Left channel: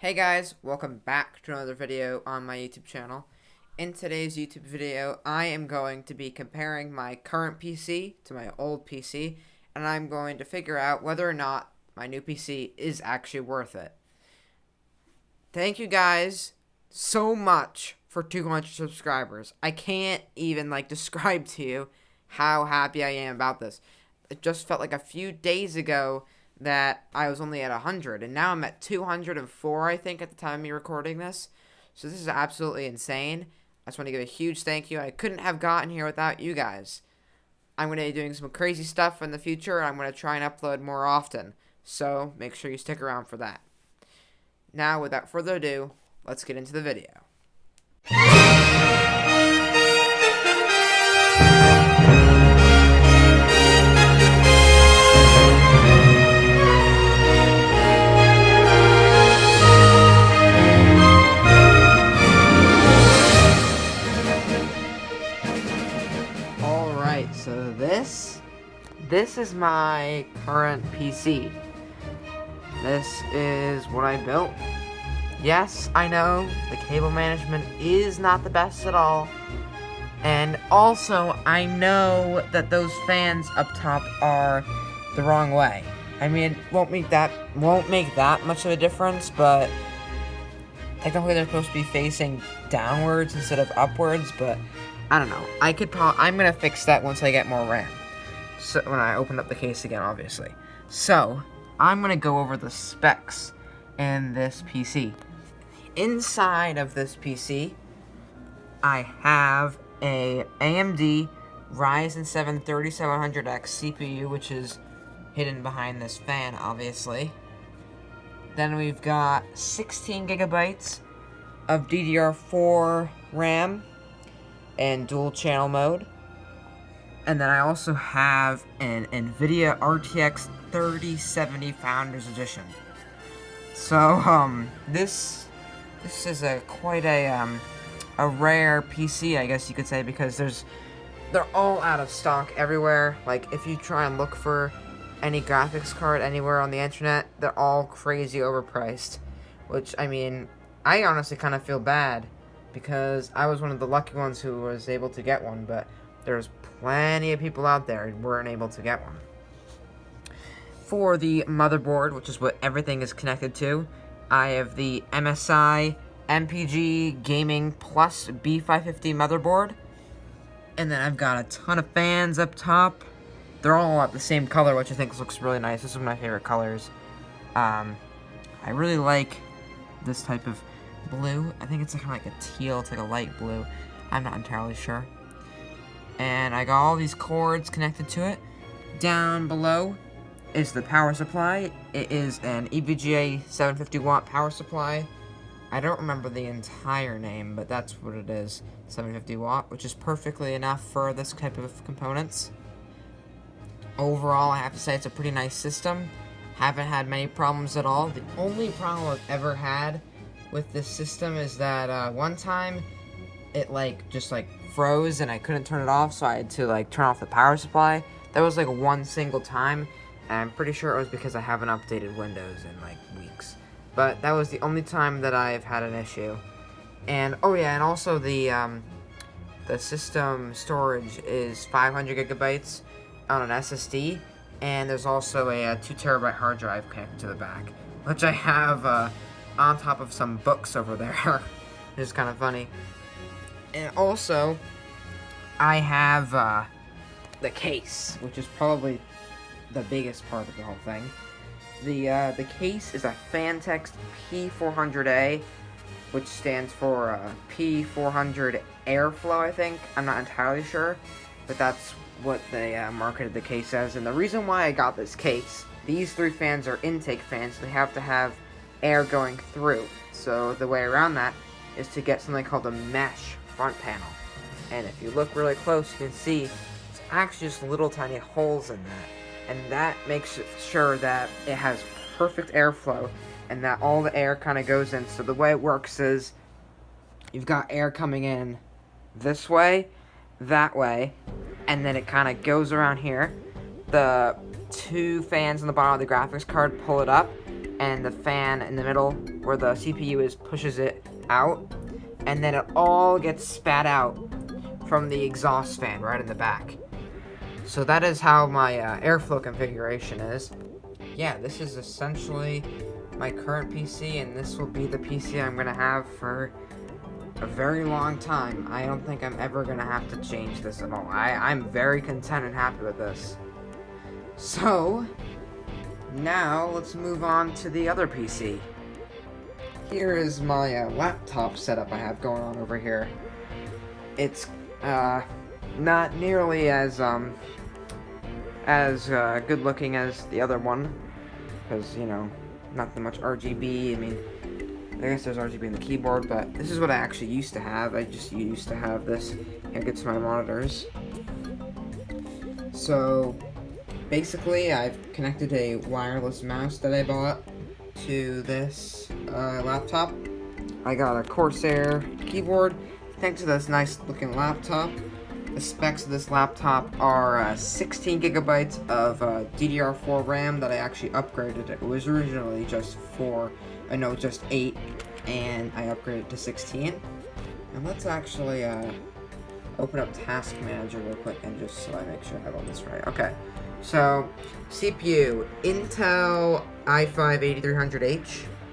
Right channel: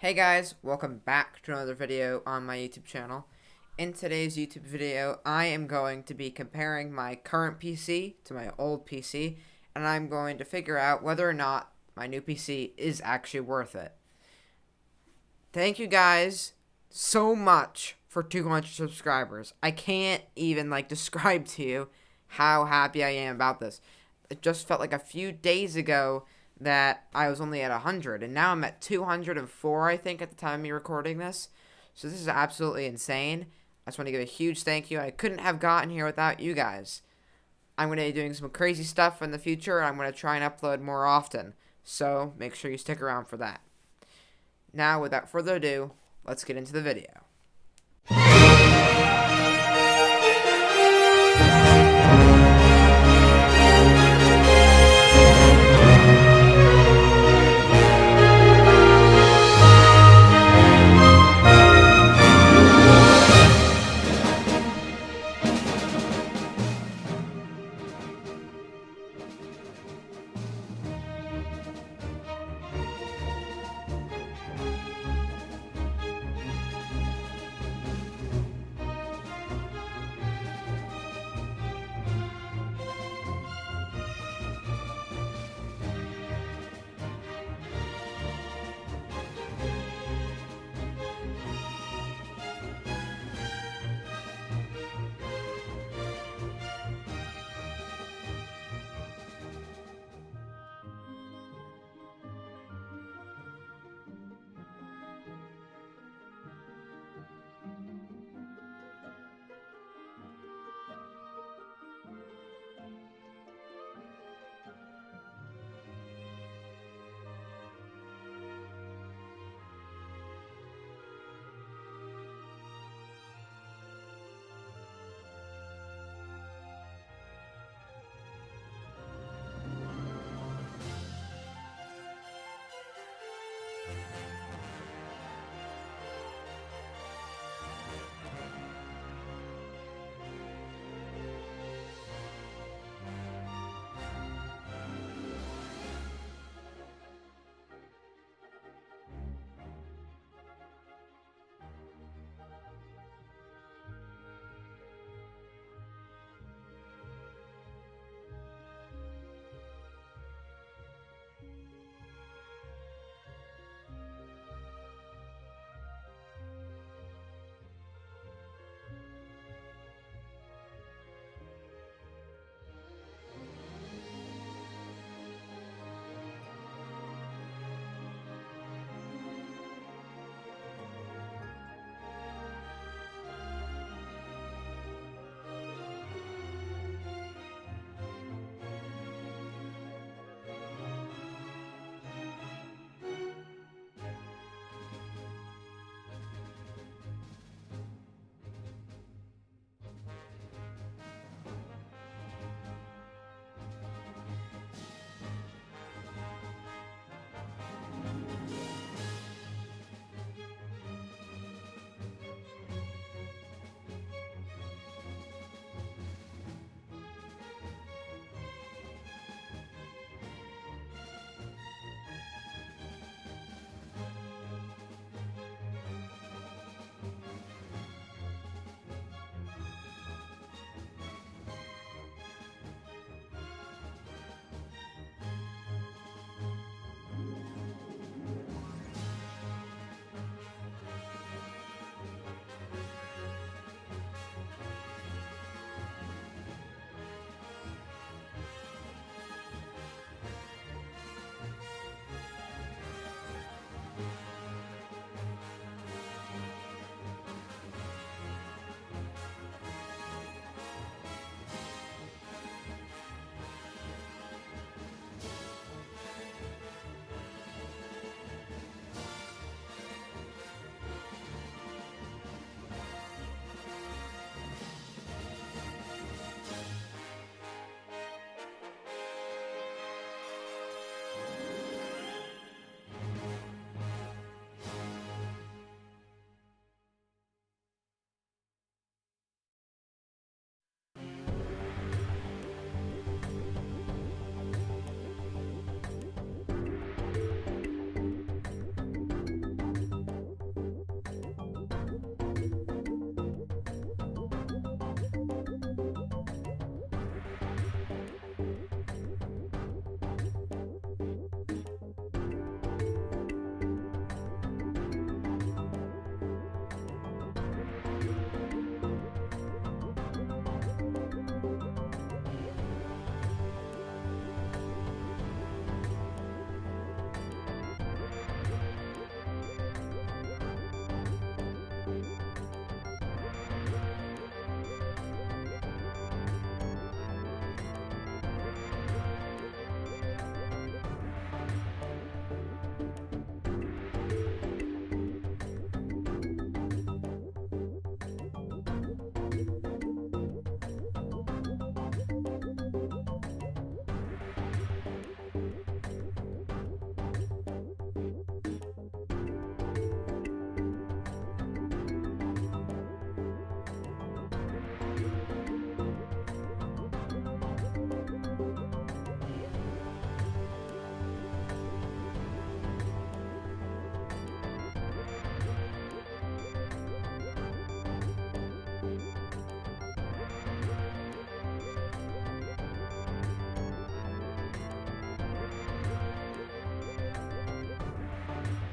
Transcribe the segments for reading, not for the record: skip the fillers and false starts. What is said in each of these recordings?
Hey guys, welcome back to another video on my YouTube channel. In today's YouTube video, I am going to be comparing my current PC to my old PC, and I'm going to figure out whether or not my new PC is actually worth it. Thank you guys so much for 200 subscribers. I can't even describe to you how happy I am about this. It just felt like a few days ago that I was only at 100, and now I'm at 204, I think, at the time of me recording this. So this is absolutely insane. I just want to give a huge thank you. I couldn't have gotten here without you guys. I'm going to be doing some crazy stuff in the future, and I'm going to try and upload more often. So make sure you stick around for that. Now, without further ado, let's get into the video. This is my current PC. This is what I built. Yes, I know, the cable management is not the best at all. And also, I know that those fans up top are the wrong way. I mean, it won't make that much of a difference, but technically they're supposed to be facing downwards instead of upwards, but I don't know. I'm gonna fix that once I get more RAM. So when I open up the case again, obviously. So, I'm going to go over the specs in this PC. Inside of this PC, I have a AMD Ryzen 7 3700X CPU, which is hidden behind this fan, obviously. Then we've got 16 gigabytes of DDR4 RAM and dual channel mode. And then I also have an NVIDIA RTX 3070 Founders Edition. So, this is quite a rare PC, I guess you could say, because they're all out of stock everywhere. Like, if you try and look for any graphics card anywhere on the internet, they're all crazy overpriced. Which, I mean, I honestly kind of feel bad, because I was one of the lucky ones who was able to get one, but there's plenty of people out there who weren't able to get one. For the motherboard, which is what everything is connected to, I have the MSI MPG Gaming Plus B550 motherboard. And then I've got a ton of fans up top. They're all at the same color, which I think looks really nice. This is one of my favorite colors. I really like this type of blue. I think it's kind of like a teal. It's like a light blue. I'm not entirely sure. And I got all these cords connected to it. Down below is the power supply. It is an EVGA 750 watt power supply. I don't remember the entire name, but that's what it is. 750 watt, which is perfectly enough for this type of components. Overall, I have to say it's a pretty nice system. Haven't had many problems at all. The only problem I've ever had with this system is that one time it just froze and I couldn't turn it off, so I had to turn off the power supply. That was one single time, and I'm pretty sure it was because I haven't updated Windows in weeks. But that was the only time that I've had an issue. And oh yeah, and also the system storage is 500 gigabytes on an SSD, and there's also a 2 terabyte hard drive connected to the back, which I have on top of some books over there. It's kind of funny. And also, I have the case, which is probably the biggest part of the whole thing. The case is a Phanteks P400A, which stands for P400 Airflow, I think. I'm not entirely sure, but that's what they marketed the case as. And the reason why I got this case, these 3 fans are intake fans. They have to have air going through. So the way around that is to get something called a mesh front panel. And if you look really close, you can see it's actually just little tiny holes in there. And that makes sure that it has perfect airflow and that all the air kind of goes in. So the way it works is you've got air coming in this way, that way, and then it kind of goes around here. The 2 fans on the bottom of the graphics card pull it up, and the fan in the middle where the CPU is pushes it out, and then it all gets spat out from the exhaust fan right in the back. So that is how my airflow configuration is. Yeah, this is essentially my current PC, and this will be the PC I'm going to have for a very long time. I don't think I'm ever going to have to change this at all. I'm very content and happy with this. So, now let's move on to the other PC. Here is my laptop setup I have going on over here. It's not nearly as good looking as the other one, because, you know, not that much RGB. I mean, I guess there's RGB in the keyboard, but this is what I actually used to have. I just used to have this connected to my monitors. So, basically, I've connected a wireless mouse that I bought to this laptop. I got a Corsair keyboard next to this nice looking laptop. The specs of this laptop are 16 gigabytes of DDR4 RAM that I actually upgraded. It was originally just 8, and I upgraded to 16. And let's actually open up Task Manager real quick and just so I make sure I have all this right. Okay, so CPU, Intel i5-8300H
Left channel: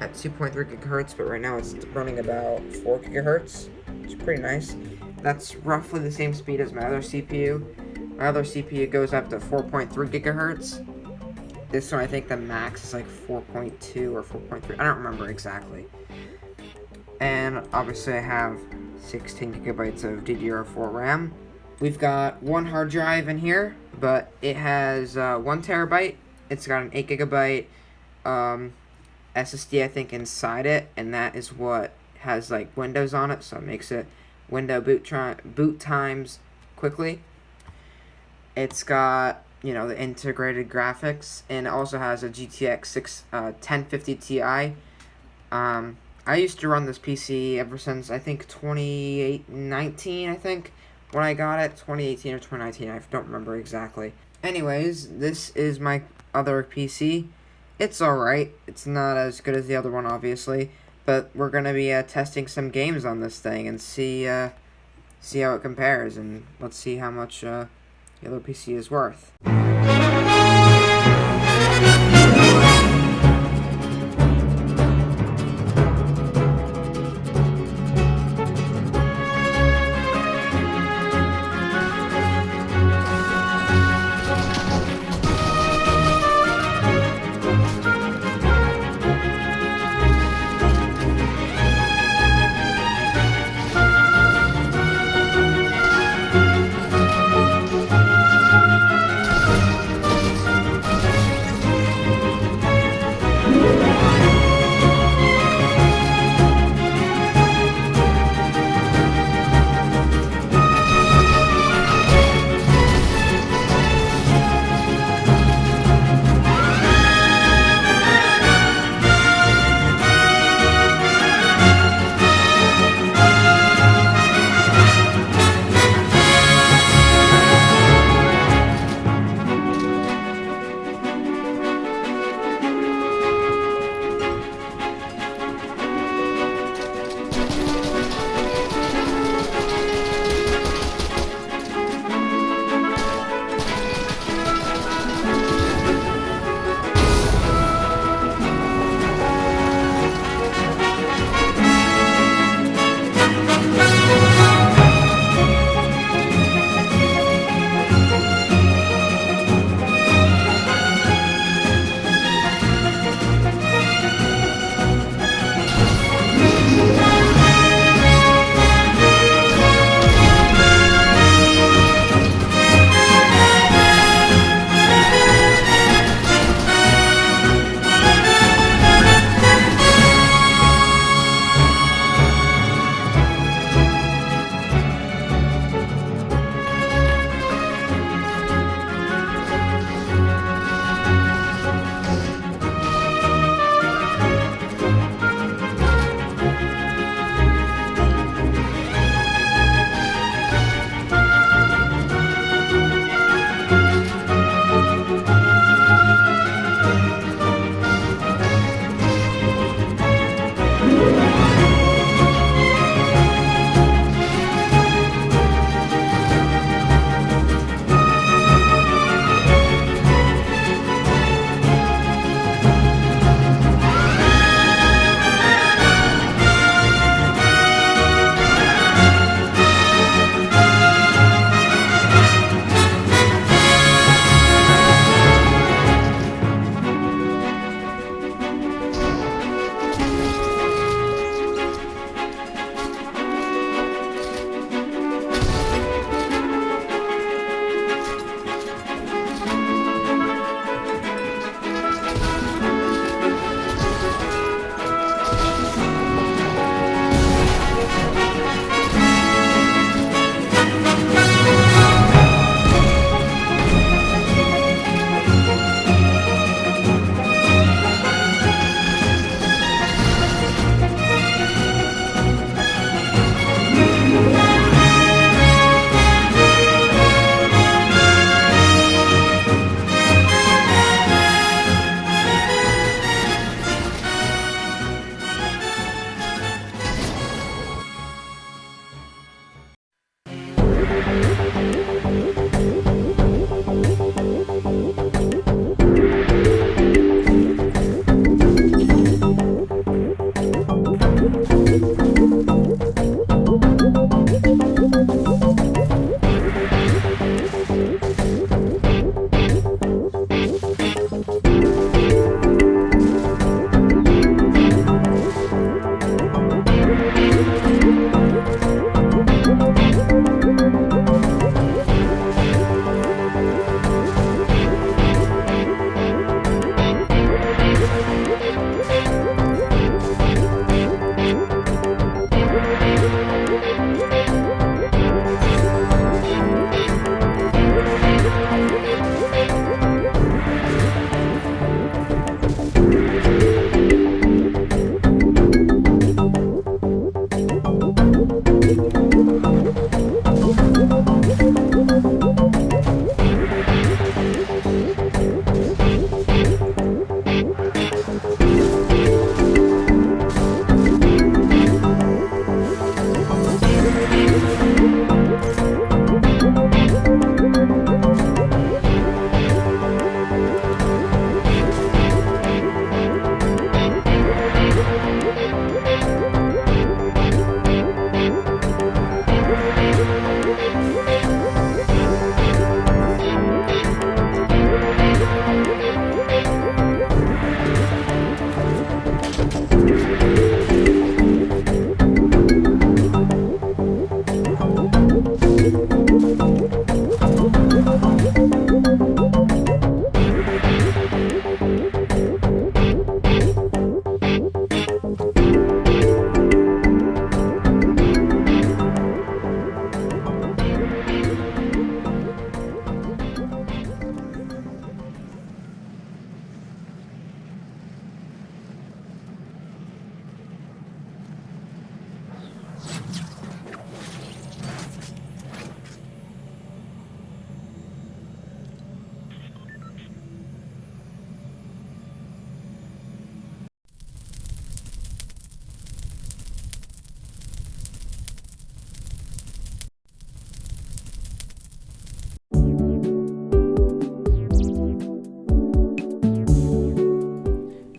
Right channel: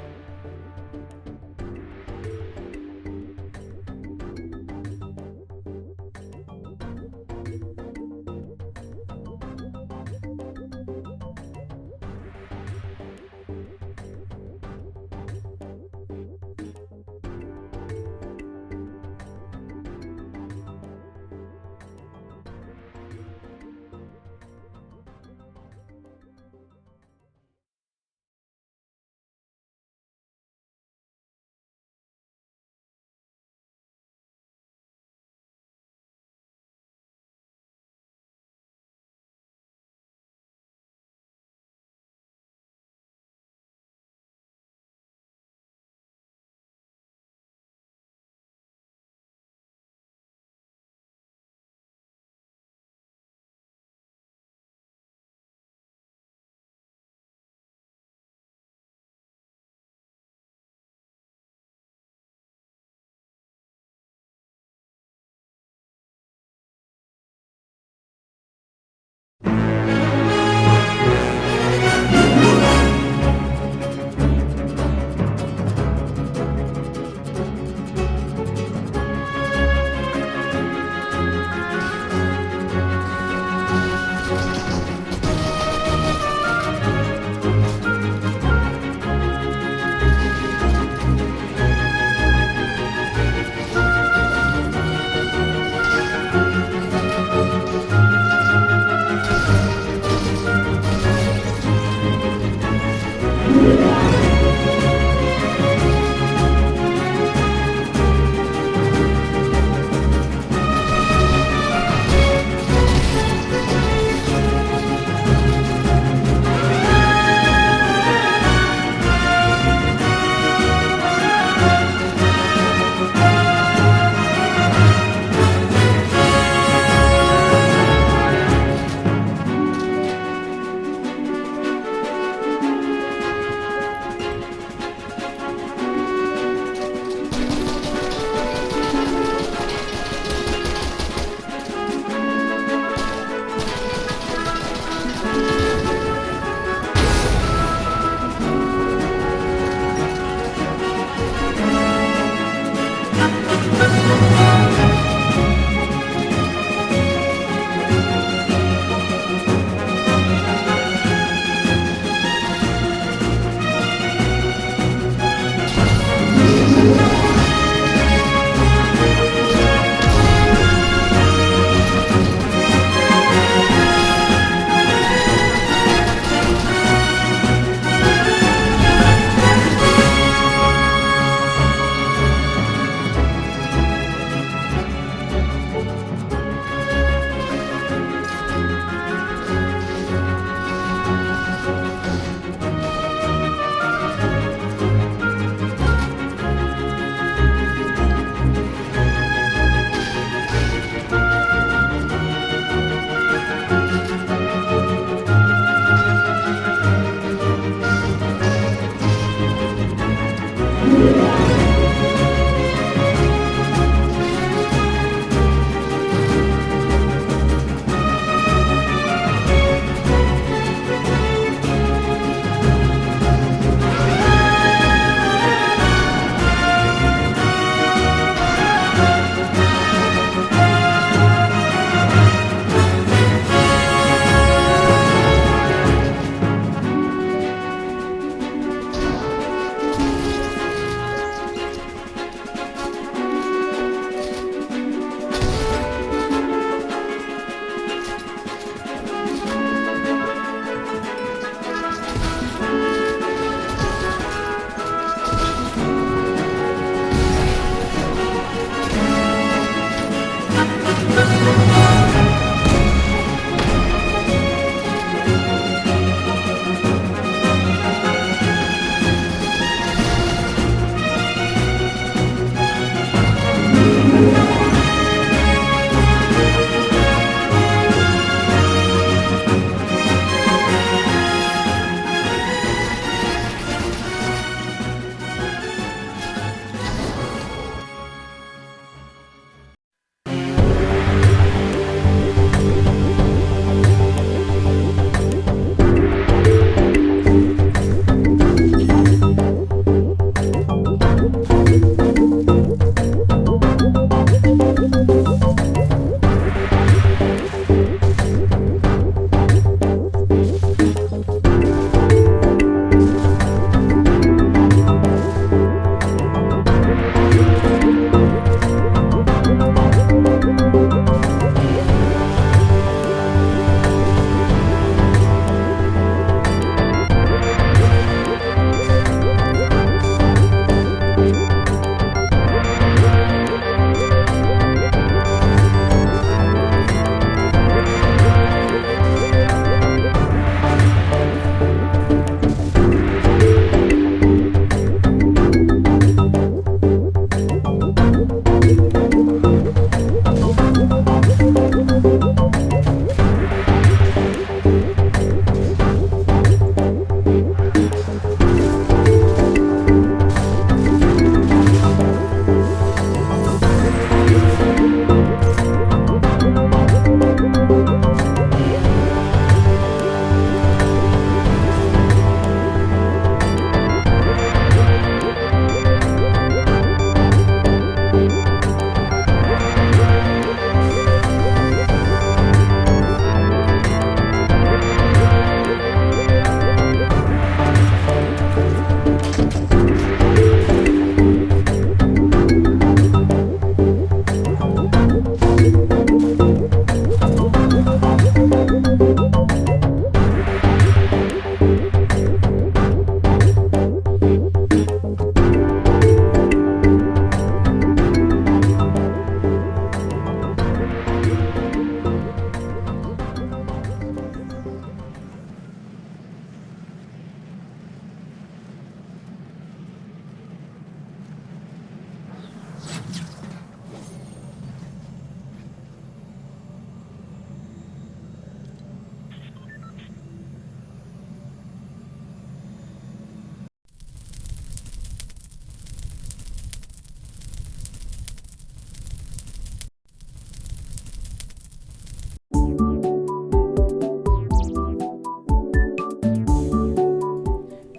at 2.3 gigahertz, but right now it's running about 4 gigahertz. It's pretty nice. That's roughly the same speed as my other CPU. My other CPU goes up to 4.3 gigahertz. This one, I think the max is like 4.2 or 4.3. I don't remember exactly. And obviously I have 16 gigabytes of DDR4 RAM. We've got one hard drive in here, but it has 1 terabyte. It's got an 8 gigabyte SSD, I think, inside it, and that is what has like Windows on it, so it makes it window boot times quickly. It's got, you know, the integrated graphics, and it also has a GTX 1050 Ti. I used to run this PC ever since, I think, 2019, I think, when I got it. 2018 or 2019, I don't remember exactly. Anyways, this is my other PC. It's alright. It's not as good as the other one, obviously, but we're going to be testing some games on this thing and see how it compares, and let's see how much the other PC is worth.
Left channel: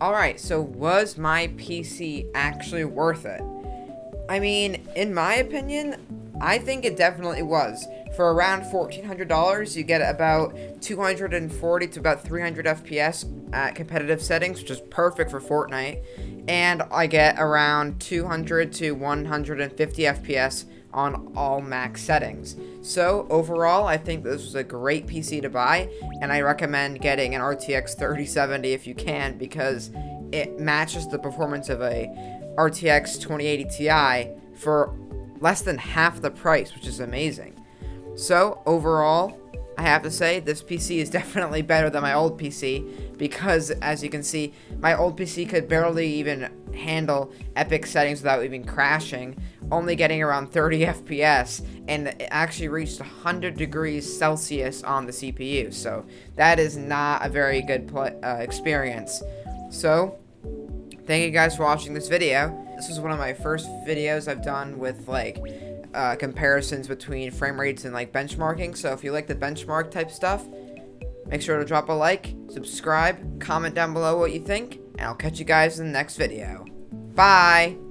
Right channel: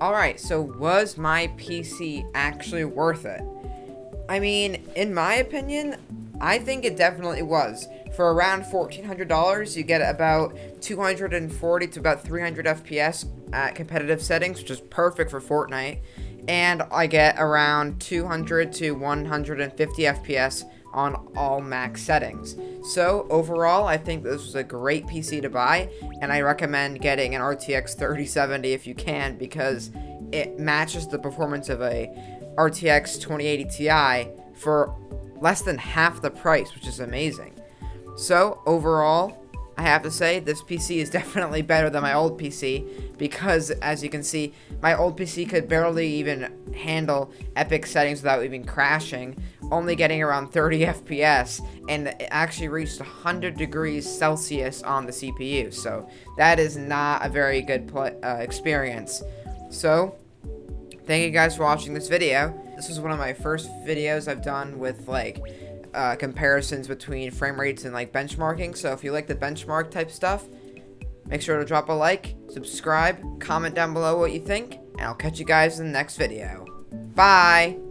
Alright, so was my PC actually worth it? I mean, in my opinion, I think it definitely was. For around $1,400, you get about 240 to about 300 FPS at competitive settings, which is perfect for Fortnite. And I get around 200 to 150 FPS on all max settings. So overall, I think this was a great PC to buy, and I recommend getting an RTX 3070 if you can, because it matches the performance of a RTX 2080 Ti for less than half the price, which is amazing. So overall, I have to say this PC is definitely better than my old PC, because as you can see, my old PC could barely even handle epic settings without even crashing, only getting around 30 FPS, and it actually reached 100 degrees Celsius on the CPU. So that is not a very good experience. So thank you guys for watching this video. This was one of my first videos I've done with like comparisons between frame rates and like benchmarking. So if you like the benchmark type stuff, make sure to drop a like, subscribe, comment down below what you think, and I'll catch you guys in the next video. Bye!